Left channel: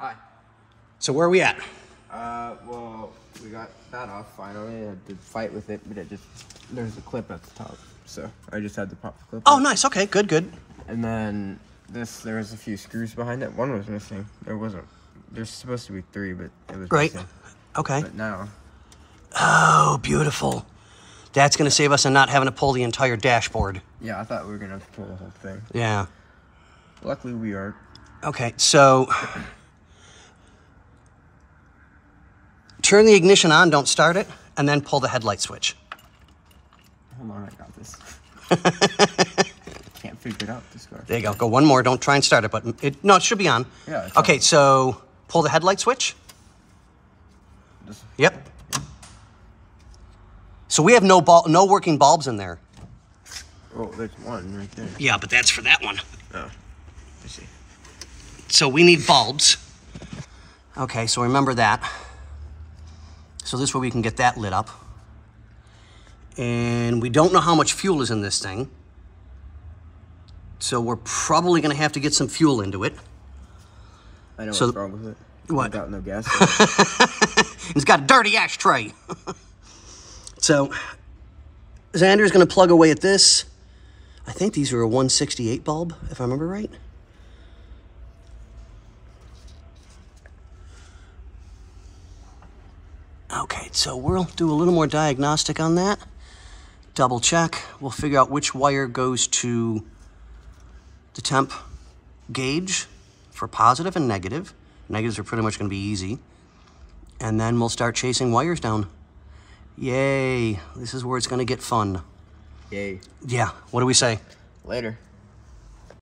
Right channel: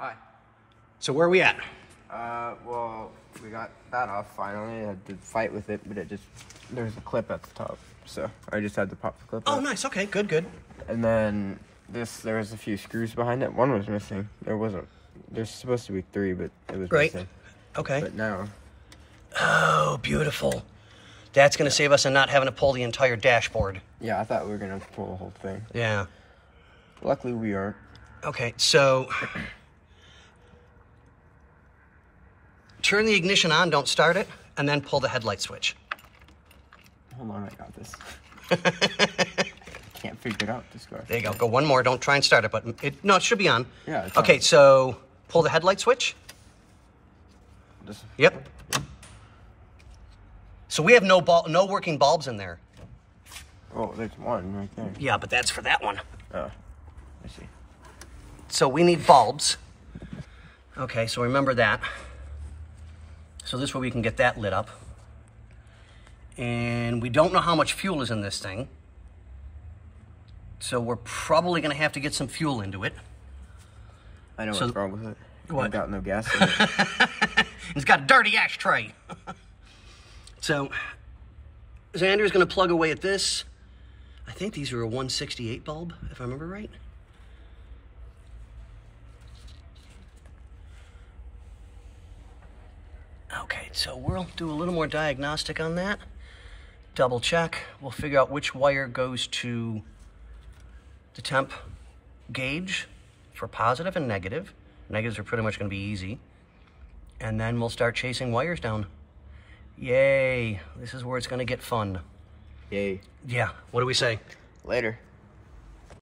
Hi. So where are we at? Well, we got that off finally. I had to fight with it, but there's a clip at the top. So I just had to pop the clip Oh, out. nice. Okay, good, good. And then there was a few screws behind it. One was missing. There's supposed to be 3, but it was missing. Okay. But now. Oh, beautiful. That's going to save us on not having to pull the entire dashboard. Yeah, I thought we were going to have to pull the whole thing. Yeah. Luckily, we aren't. Okay, so turn the ignition on, don't start it, and then pull the headlight switch. Hold on, I got this. Can't figure it out this way. There you go. Go one more. Don't try and start it, but it should be on. Yeah. It's okay, on. So pull the headlight switch. Yep. So we have no working bulbs in there. Well, there's one right there. Yeah, but that's for that one. Oh, I see. So we need bulbs. Okay, so remember that. So this way we can get that lit up. And we don't know how much fuel is in this thing. So we're probably going to have to get some fuel into it. I know what's wrong with it. What? Got no gas. It's got a dirty ashtray. So Xander's going to plug away at this. I think these are a 168 bulb, if I remember right. Okay, so we'll do a little more diagnostic on that. Double check. We'll figure out which wire goes to the temp gauge for positive and negative. Negatives are pretty much going to be easy. And then we'll start chasing wires down. Yay. This is where it's going to get fun. Yay. Yeah. What do we say? Later.